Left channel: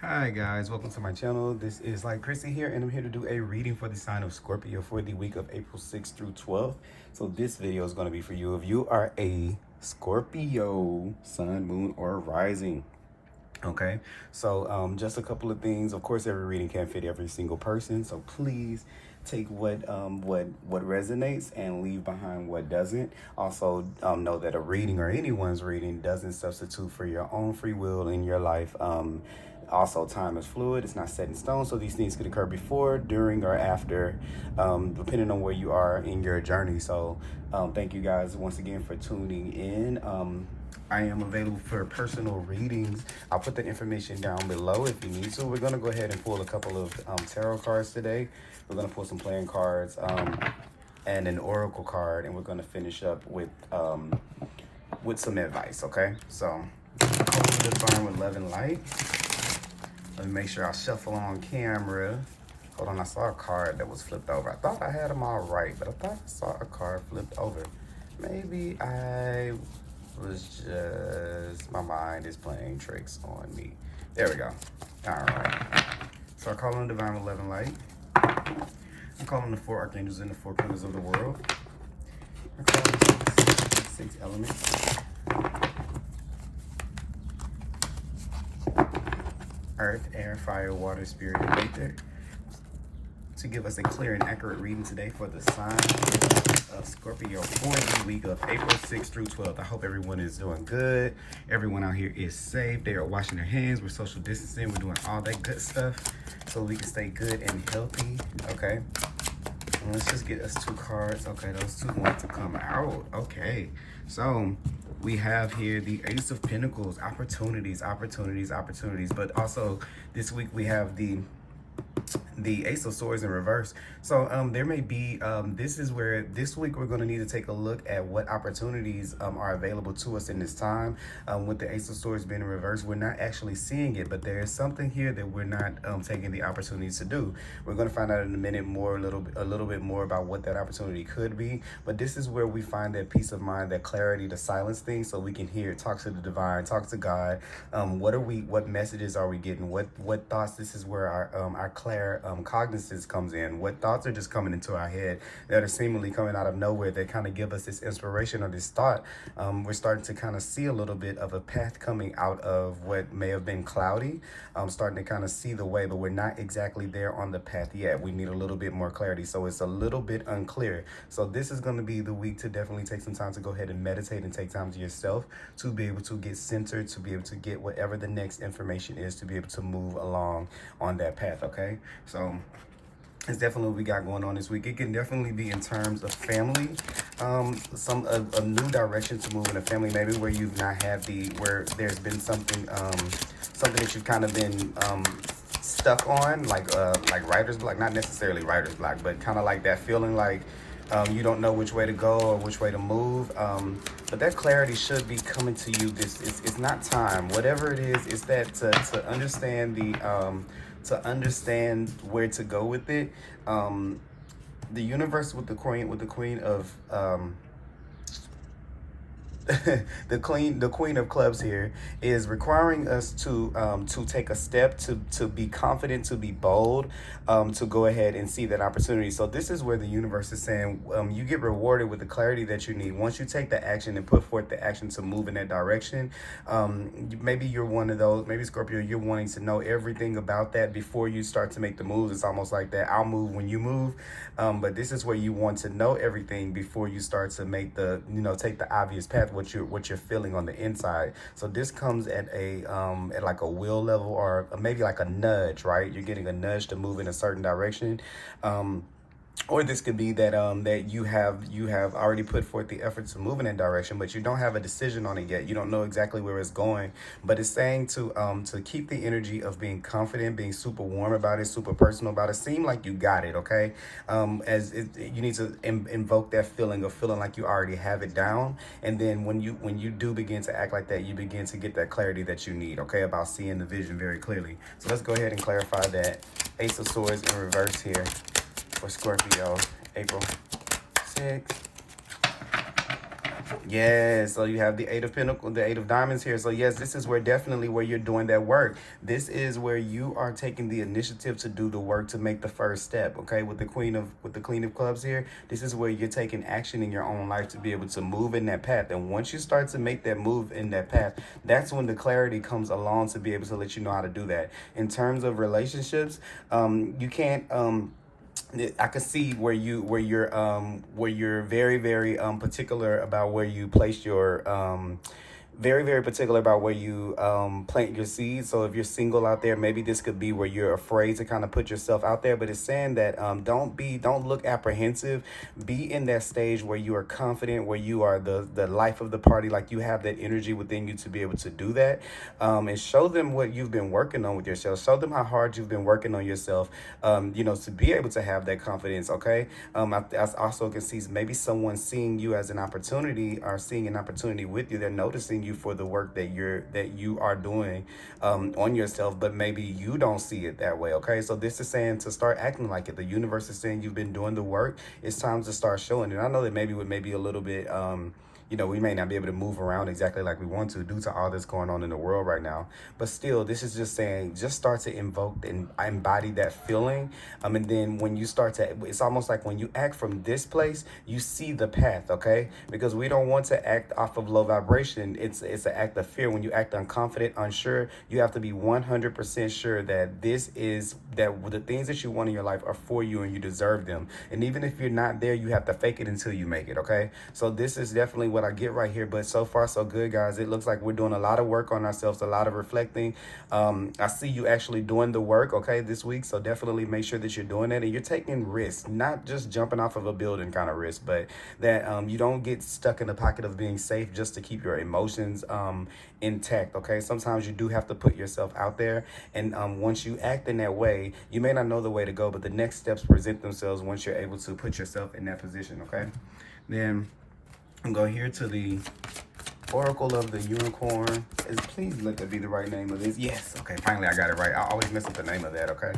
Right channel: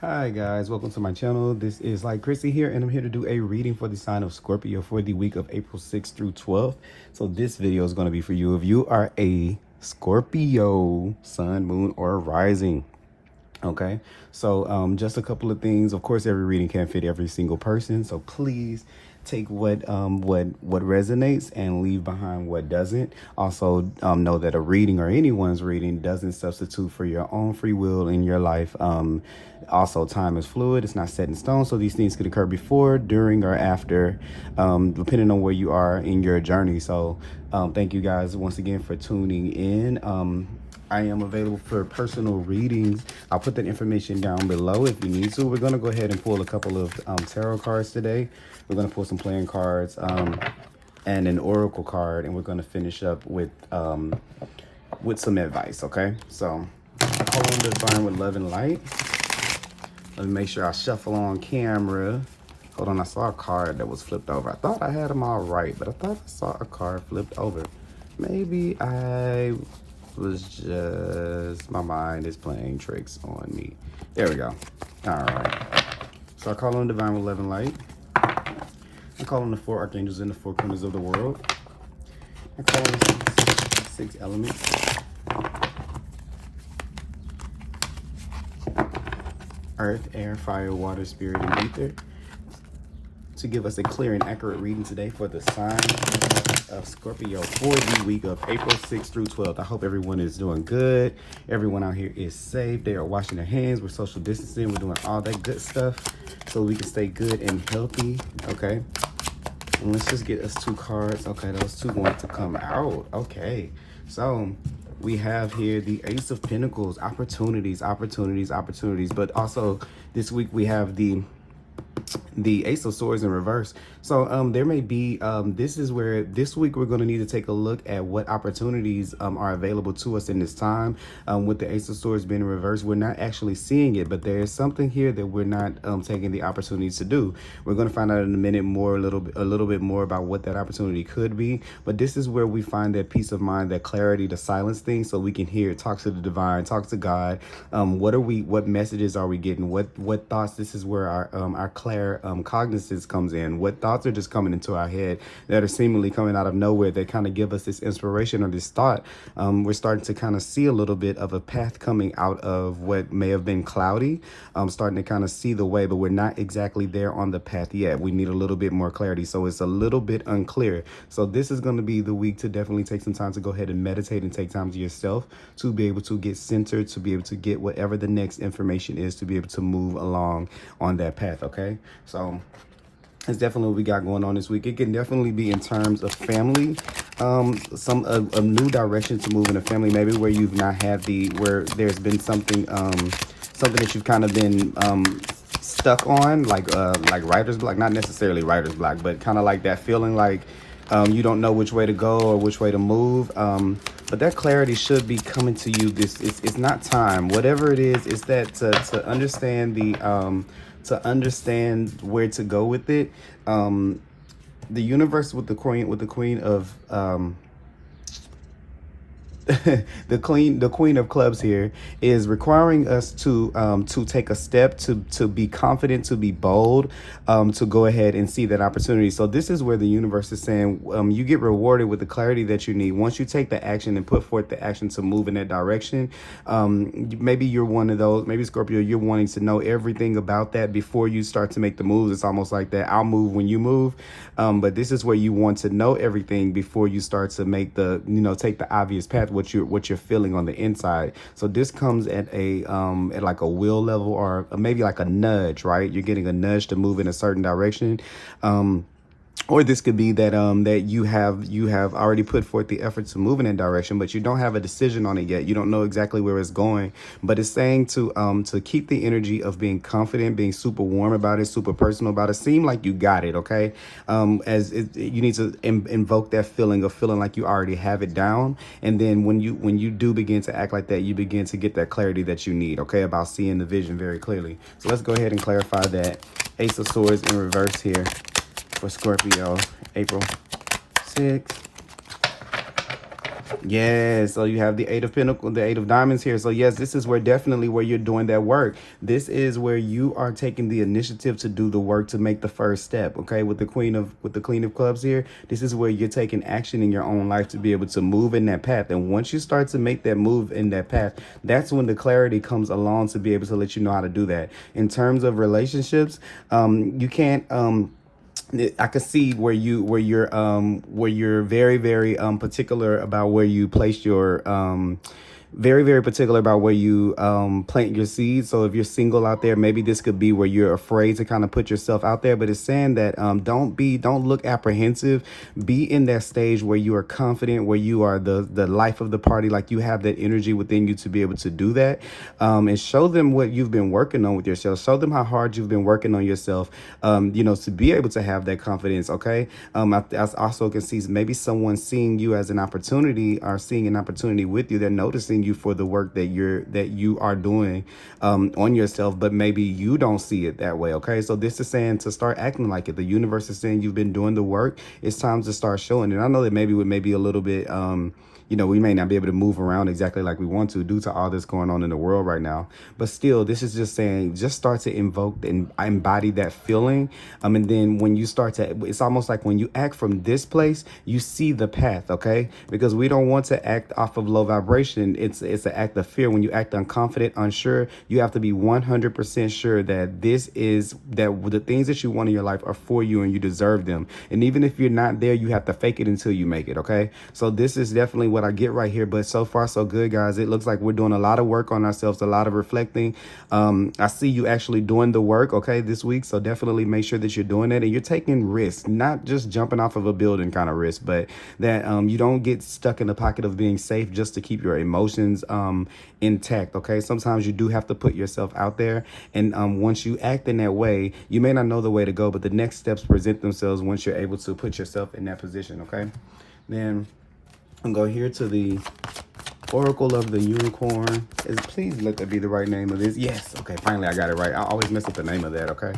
Hi guys, welcome to my channel. This is Thilightchrissy here, and I'm here to do a reading for the sign of Scorpio for the week of April 6th through 12th. So this video is going to be for you if you are a Scorpio sun, moon, or rising. Okay, so just a couple of things. Of course, every reading can't fit every single person, so please take what resonates and leave behind what doesn't. Also, know that a reading or anyone's reading doesn't substitute for your own free will in your life. Also, time is fluid, it's not set in stone, so these things could occur before, during, or after, depending on where you are in your journey. So thank you guys once again for tuning in. I am available for personal readings. I'll put that information down below if you need to. We're going to go ahead and pull a couple of tarot cards today. We're going to pull some playing cards and an oracle card, and we're going to finish up with some advice, okay? So, hold on to Divine with love and light. Let me make sure I shuffle on camera. Hold on, I saw a card that was flipped over. I thought I had them all right, but I thought I saw a card flipped over. Maybe I was just, my mind is playing tricks on me. There we go. All right. So I call on Divine with love and light. I call on the four archangels in the four corners of the world. I call on the six elements. Earth, air, fire, water, spirit, and ether, to give us a clear and accurate reading today for the sign of Scorpio for the week of April 6th through 12th. I hope everyone is doing good. Everyone out here is safe. They are washing their hands. We're social distancing. We're doing all that good stuff so we can stay good and healthy. Okay. And let's just get us two cards. Okay, those two want to come out. Okay. So we have here the Ace of Pentacles, opportunities. But also this week we have the Ace of Swords in reverse. So there may be, this is where this week we're going to need to take a look at what opportunities are available to us in this time. With the Ace of Swords being in reverse, we're not actually seeing it, but there is something here that we're not taking the opportunities to do. We're going to find out in a minute more, a little bit more about what that opportunity could be. But this is where we find that peace of mind, that clarity to silence things so we can hear, talk to the divine, talk to God. What messages are we getting? What thoughts? This is where our cognizance comes in. What thoughts are just coming into our head that are seemingly coming out of nowhere that kind of give us this inspiration or this thought. We're starting to kind of see a little bit of a path coming out of what may have been cloudy. Starting to kind of see the way, but we're not exactly there on the path yet. We need a little bit more clarity, so it's a little bit unclear. So this is going to be the week to definitely take some time to go ahead and meditate and take time to yourself to be able to get centered, to be able to get whatever the next information is, to be able to move along on that path. Okay, so it's definitely what we got going on this week. It can definitely be in terms of family, a new direction to move in a family, maybe where you've not had where there's been something that you've kind of been stuck on, like writer's block, not necessarily writer's block, but kind of like that feeling like you don't know which way to go or which way to move. But that clarity should be coming to you. It's not time. Whatever it is that to understand to understand where to go with it. The universe with the queen of the queen of clubs here is requiring us to take a step, to be confident, to be bold, to go ahead and see that opportunity. So this is where the universe is saying you get rewarded with the clarity that you need once you take the action and put forth the action to move in that direction. Maybe you're one of those, maybe Scorpio, you're wanting to know everything about that before you start to make the moves. It's almost like that I'll move when you move, but this is where you want to know everything before you start to make the, take the obvious path, what you're feeling on the inside. So this comes at at like a will level, or maybe like a nudge, right? You're getting a nudge to move in a certain direction. Or this could be that that you have already put forth the effort to move in that direction, but you don't have a decision on it yet. You don't know exactly where it's going, but it's saying to keep the energy of being confident, being super warm about it, super personal about it. Seem like you got it, okay? You need to invoke that feeling of feeling like you already have it down, and then when you do begin to act like that, you begin to get that clarity that you need, okay, about seeing the vision very clearly. So let's go ahead and clarify that. Ace of Swords in reverse here for Scorpio, April 6th Yes, so you have the Eight of Pentacles, the Eight of Diamonds here. So yes, this is where definitely where you're doing that work. This is where you are taking the initiative to do the work to make the first step. Okay, with the Queen of Clubs here, this is where you're taking action in your own life to be able to move in that path. And once you start to make that move in that path, that's when the clarity comes along to be able to let you know how to do that. In terms of relationships, you can't I could see where you're very, very particular about where you place your very, very particular about where you plant your seeds. So if you're single out there, maybe this could be where you're afraid to kind of put yourself out there. But it's saying that don't look apprehensive. Be in that stage where you are confident, where you are the life of the party, like you have that energy within you to be able to do that. And show them what you've been working on with yourself. Show them how hard you've been working on yourself, to be able to have that confidence, okay? I also can see maybe someone seeing you as an opportunity or seeing an opportunity with you. They're noticing you for the work that you are doing on yourself, but maybe you don't see it that way, okay? So this is saying to start acting like it. The universe is saying you've been doing the work. It's time to start showing it. I know that maybe with maybe a little bit we may not be able to move around exactly like we want to due to all this going on in the world right now. But still, this is just saying, just start to invoke and embody that feeling. And then when you start to, it's almost like when you act from this place, you see the path, okay? Because we don't want to act off of low vibration. It's an act of fear. When you act unconfident, unsure, you have to be 100% sure that that the things that you want in your life are for you and you deserve them. And even if you're not there, you have to fake it until you make it, okay? So this is definitely what I get right here. But so far so good, guys. It looks like we're doing a lot of work on ourselves, a lot of reflecting. I see you actually doing the work, okay, this week. So definitely make sure that you're doing it and you're taking risks, not just jumping off of a building kind of risk, but that you don't get stuck in the pocket of being safe just to keep your emotions intact, okay? Sometimes you do have to put yourself out there, and once you act in that way, you may not know the way to go, but the next steps present themselves once you're able to put yourself in that position, okay? Then and go here to the Oracle of the Unicorn. Please let that be the right name of this. Yes. Okay, finally I got it right. I always mess up the name of that, okay?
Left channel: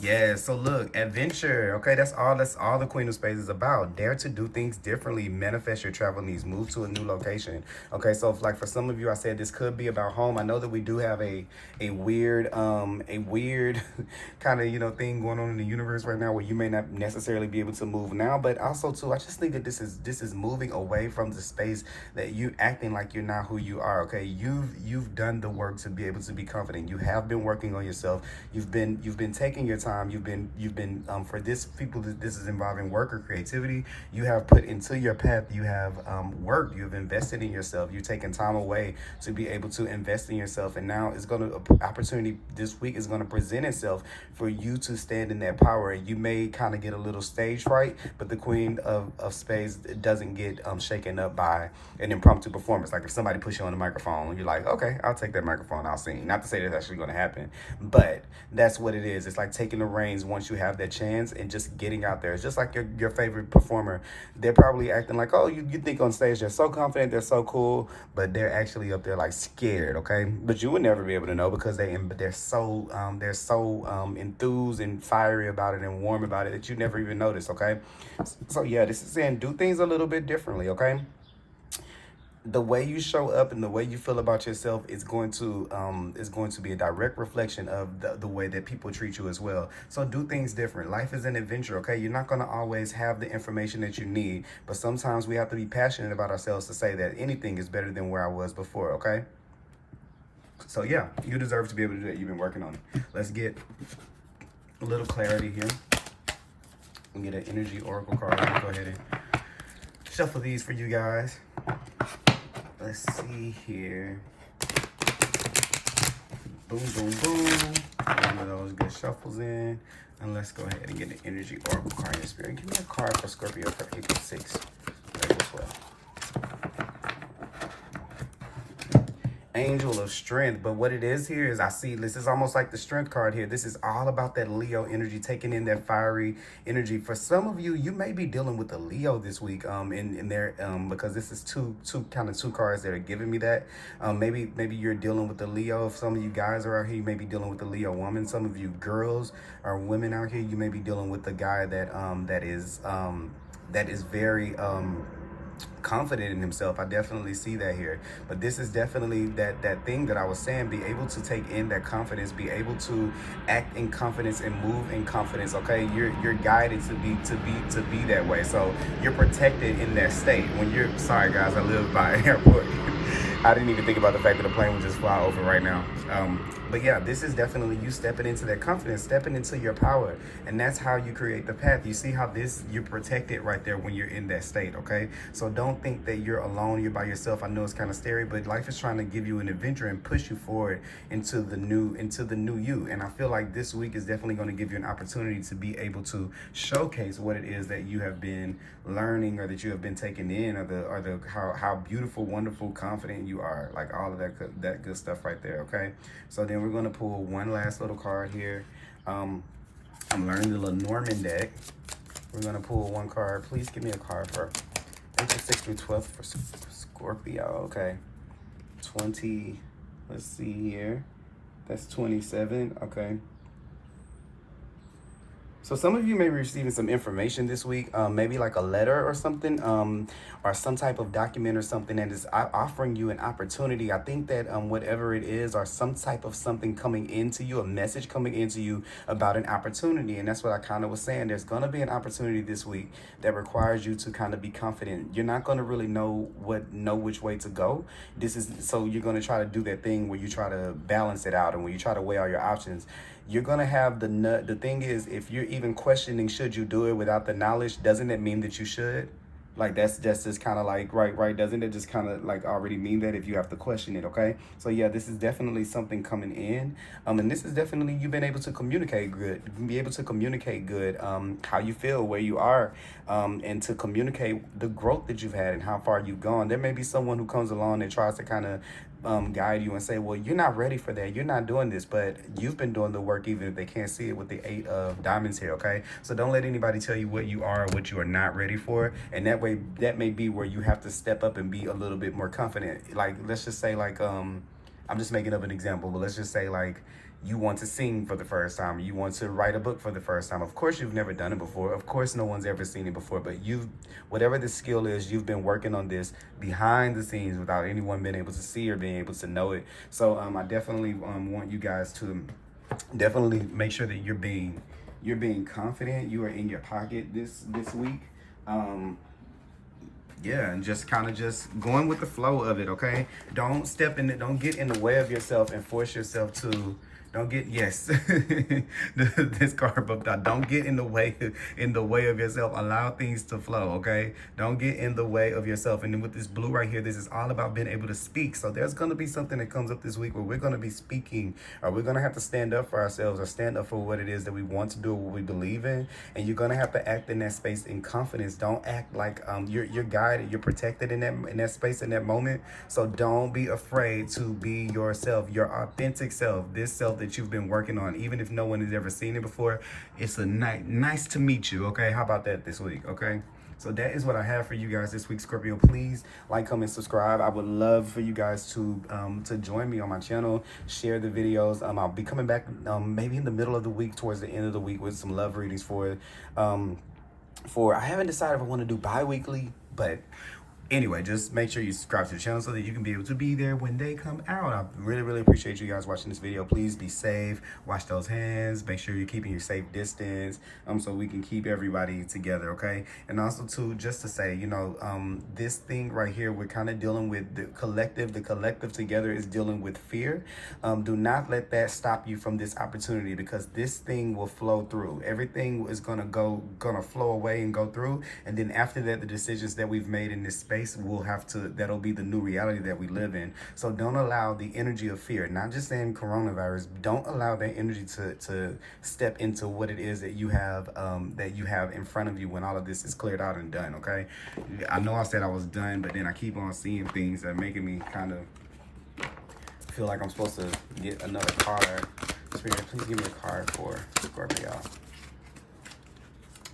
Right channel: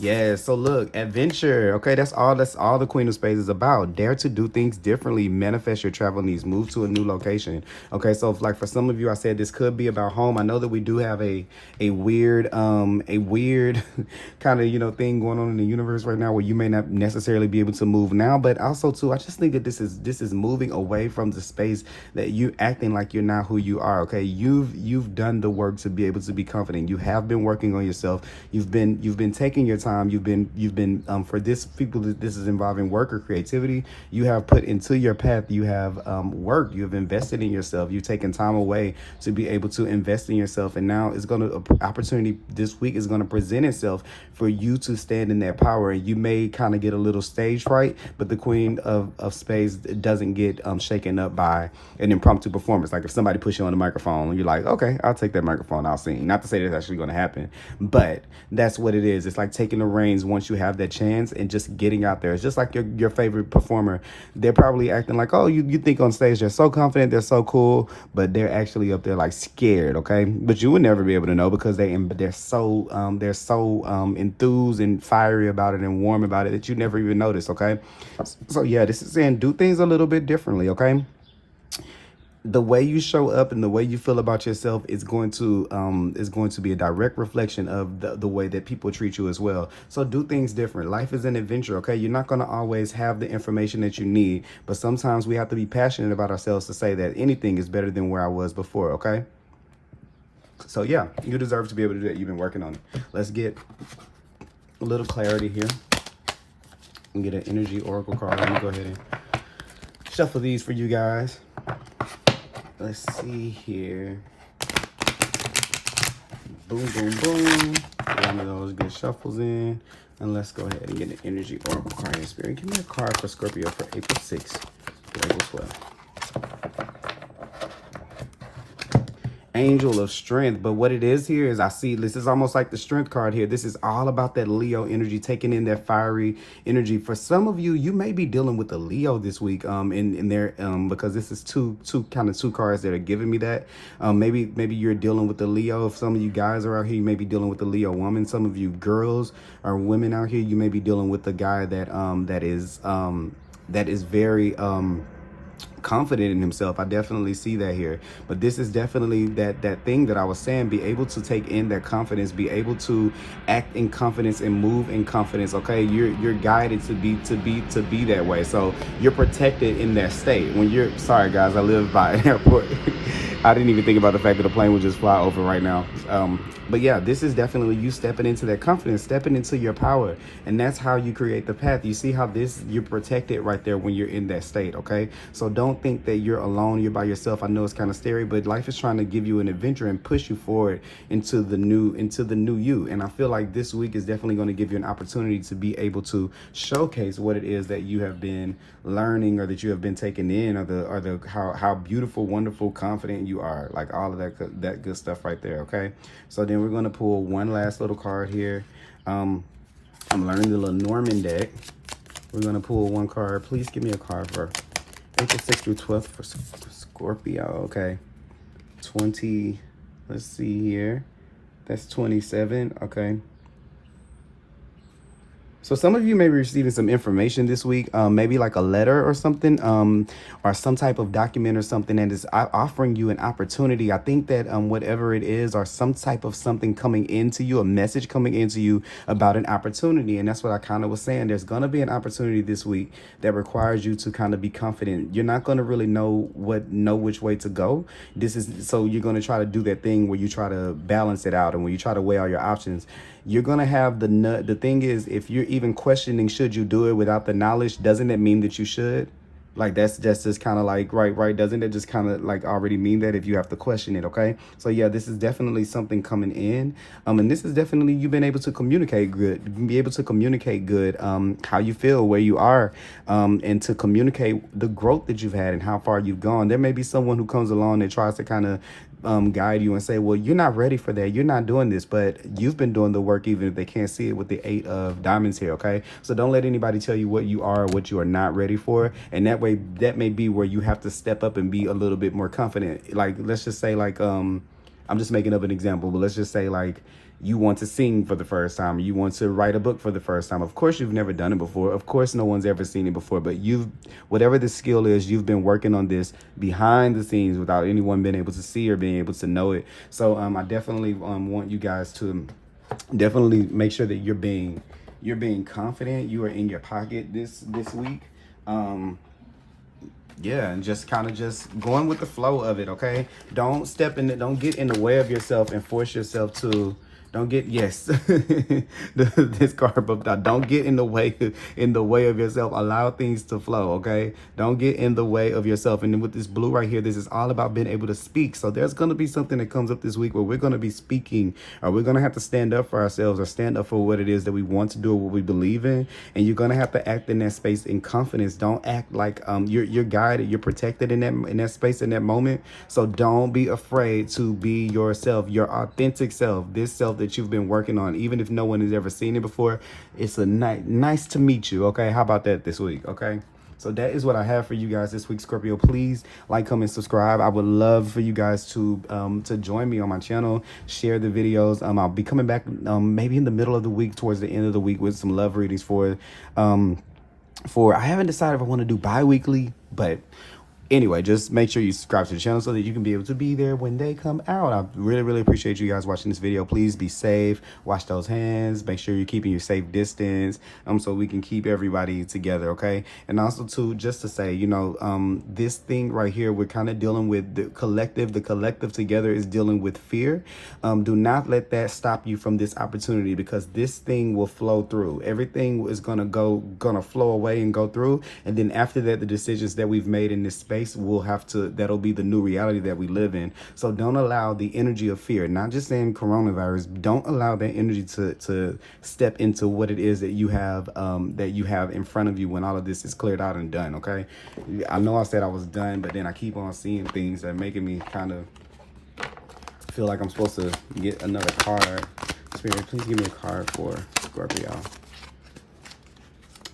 Yeah, so look, adventure. Okay, that's all the Queen of Spades is about. Dare to do things differently, manifest your travel needs, move to a new location. Okay, so if, like for some of you, I said this could be about home. I know that we do have a weird kind of thing going on in the universe right now where you may not necessarily be able to move now, but also too, I just think that this is moving away from the space that you acting like you're not who you are. Okay, you've done the work to be able to be confident. You have been working on yourself. You've been taking your time. You've been for this people, this is involving work or creativity. You have put into your path. You have work. You have invested in yourself. You've taken time away to be able to invest in yourself. And now it's opportunity this week is going to present itself for you to stand in that power. And you may kind of get a little stage fright, but the Queen of Spades doesn't get shaken up by an impromptu performance. Like if somebody puts you on the microphone, you're like, okay, I'll take that microphone. I'll sing. Not to say that's actually going to happen, but that's what it is. It's like taking the reins once you have that chance and just getting out there. It's just like your favorite performer. They're probably acting like, oh, you think on stage they're so confident, they're so cool, but they're actually up there like scared, okay? But you would never be able to know because they're so enthused and fiery about it and warm about it that you never even notice, okay? So yeah, this is saying do things a little bit differently, okay? The way you show up and the way you feel about yourself is going to be a direct reflection of the way that people treat you as well. So do things different. Life is an adventure, okay? You're not going to always have the information that you need, but sometimes we have to be passionate about ourselves to say that anything is better than where I was before, okay? So yeah, you deserve to be able to do that. You've been working on it. Let's get a little clarity here and get an energy oracle card. Let me go ahead and shuffle these for you guys. Let's see here. Boom, boom, boom. One of those good shuffles in. And let's go ahead and get an energy oracle card in spirit. Give me a card for Scorpio for April 6th. As well. Angel of Strength. But what it is here is I see this is almost like the Strength card here. This is all about that Leo energy, taking in that fiery energy. For some of you, you may be dealing with a Leo this week in there because this is two cards that are giving me that. Maybe you're dealing with the Leo. If some of you guys are out here, you may be dealing with the Leo woman. Some of you girls or women out here, you may be dealing with the guy that is very confident in himself. I definitely see that here. But this is definitely that thing that I was saying, be able to take in that confidence, be able to act in confidence and move in confidence. Okay, you're guided to be that way. So you're protected in that state. When you're, sorry guys, I live by an airport. I didn't even think about the fact that the plane would just fly over right now. But yeah, this is definitely you stepping into that confidence, stepping into your power. And that's how you create the path. You see how this, you're protected right there when you're in that state, okay? So don't think that you're alone, you're by yourself. I know it's kind of scary, but life is trying to give you an adventure and push you forward into the new you. And I feel like this week is definitely going to give you an opportunity to be able to showcase what it is that you have been learning, or that you have been taking in, or the how beautiful, wonderful, confident you are, like all of that good stuff right there. Okay, so then we're gonna pull one last little card here. I'm learning the Lenormand deck. We're gonna pull one card. Please give me a card for April 6th through 12th for Scorpio. Okay, 20. Let's see here. That's 27. Okay. So some of you may be receiving some information this week, maybe like a letter or something, or some type of document or something that is offering you an opportunity. I think that whatever it is, or some type of something coming into you, a message coming into you about an opportunity. And that's what I kind of was saying. There's going to be an opportunity this week that requires you to kind of be confident. You're not going to really know which way to go. So you're going to try to do that thing where you try to balance it out, and when you try to weigh all your options, you're going to have the thing is, if you're even questioning, should you do it without the knowledge, doesn't it mean that you should? Like, that's just kind of like, right. Doesn't it just kind of like already mean that if you have to question it? Okay. So yeah, this is definitely something coming in. And this is definitely, you've been able to communicate good, be able to communicate good, how you feel, where you are, and to communicate the growth that you've had and how far you've gone. There may be someone who comes along that tries to kind of guide you and say, well, you're not ready for that, you're not doing this, but you've been doing the work, even if they can't see it with the 8 of diamonds here. Okay, so don't let anybody tell you what you are or what you are not ready for, and that way, that may be where you have to step up and be a little bit more confident. Like, let's just say, like, I'm just making up an example, but let's just say, like, you want to sing for the first time, you want to write a book for the first time. Of course, you've never done it before. Of course, no one's ever seen it before, but whatever the skill is, you've been working on this behind the scenes without anyone being able to see or being able to know it. So I definitely want you guys to definitely make sure that you're being confident. You are in your pocket this week. Yeah, and just kind of just going with the flow of it. Okay, don't get in the way of yourself and force yourself to. Don't get, yes, this card book, don't get in the way of yourself. Allow things to flow, okay? Don't get in the way of yourself. And then with this blue right here, this is all about being able to speak. So there's going to be something that comes up this week where we're going to be speaking, or we're going to have to stand up for ourselves, or stand up for what it is that we want to do, or what we believe in. And you're going to have to act in that space in confidence. Don't act like you're guided, you're protected in that space, in that moment. So don't be afraid to be yourself, your authentic self, this self that you've been working on, even if no one has ever seen it before. It's a nice to meet you. Okay, how about that this week? Okay, so that is what I have for you guys this week, Scorpio. Please like, comment, subscribe. I would love for you guys to join me on my channel, share the videos. I'll be coming back maybe in the middle of the week, towards the end of the week, with some love readings for I haven't decided if I want to do bi-weekly, but anyway, just make sure you subscribe to the channel so that you can be able to be there when they come out. I really appreciate you guys watching this video. Please be safe. Wash those hands. Make sure you're keeping your safe distance, so we can keep everybody together, okay? And also, too, just to say, this thing right here, we're kind of dealing with the collective. The collective together is dealing with fear. Do not let that stop you from this opportunity, because this thing will flow through. Everything is gonna flow away and go through. And then after that, the decisions that we've made in this space, that'll be the new reality that we live in. So don't allow the energy of fear, not just saying coronavirus, don't allow that energy to step into what it is that you have in front of you when all of this is cleared out and done. Okay, I know I said I was done, but then I keep on seeing things that are making me kind of feel like I'm supposed to get another card. Spirit, please give me a card for Scorpio.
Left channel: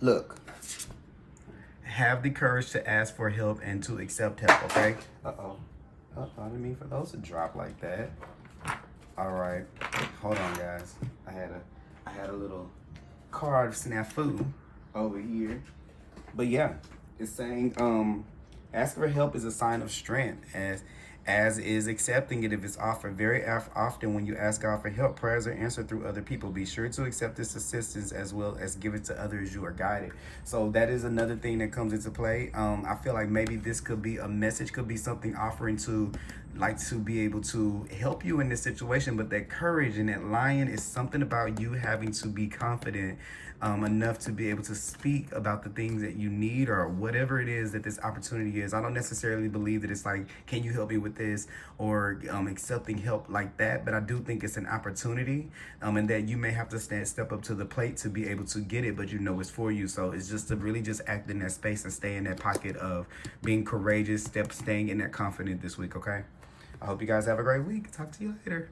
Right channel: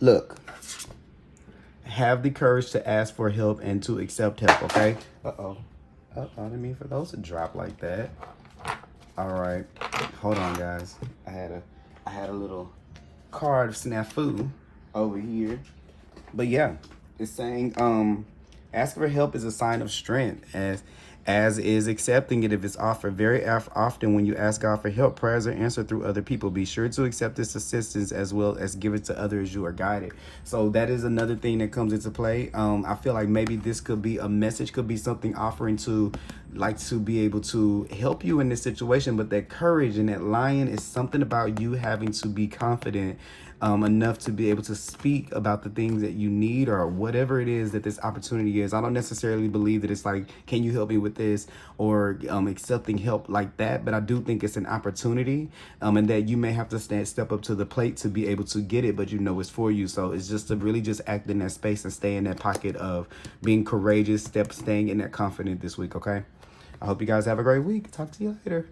Look, have the courage to ask for help and to accept help, okay? I didn't mean for those to drop like that. All right, hold on, guys. I had a little card snafu over here. But yeah, it's saying, Asking for help is a sign of strength, as is accepting it if it's offered. Very often when you ask God for help, prayers are answered through other people. Be sure to accept this assistance as well as give it to others you are guided. So that is another thing that comes into play. I feel like maybe this could be a message, could be something offering to be able to help you in this situation. But that courage and that lion is something about you having to be confident enough to be able to speak about the things that you need or whatever it is that this opportunity is. I don't necessarily believe that it's like, can you help me with this, or accepting help like that, but I do think it's an opportunity, and that you may have to step up to the plate to be able to get it, but you know it's for you. So it's just to really just act in that space and stay in that pocket of being courageous, staying in that confidence this week, okay? I hope you guys have a great week. Talk to you later.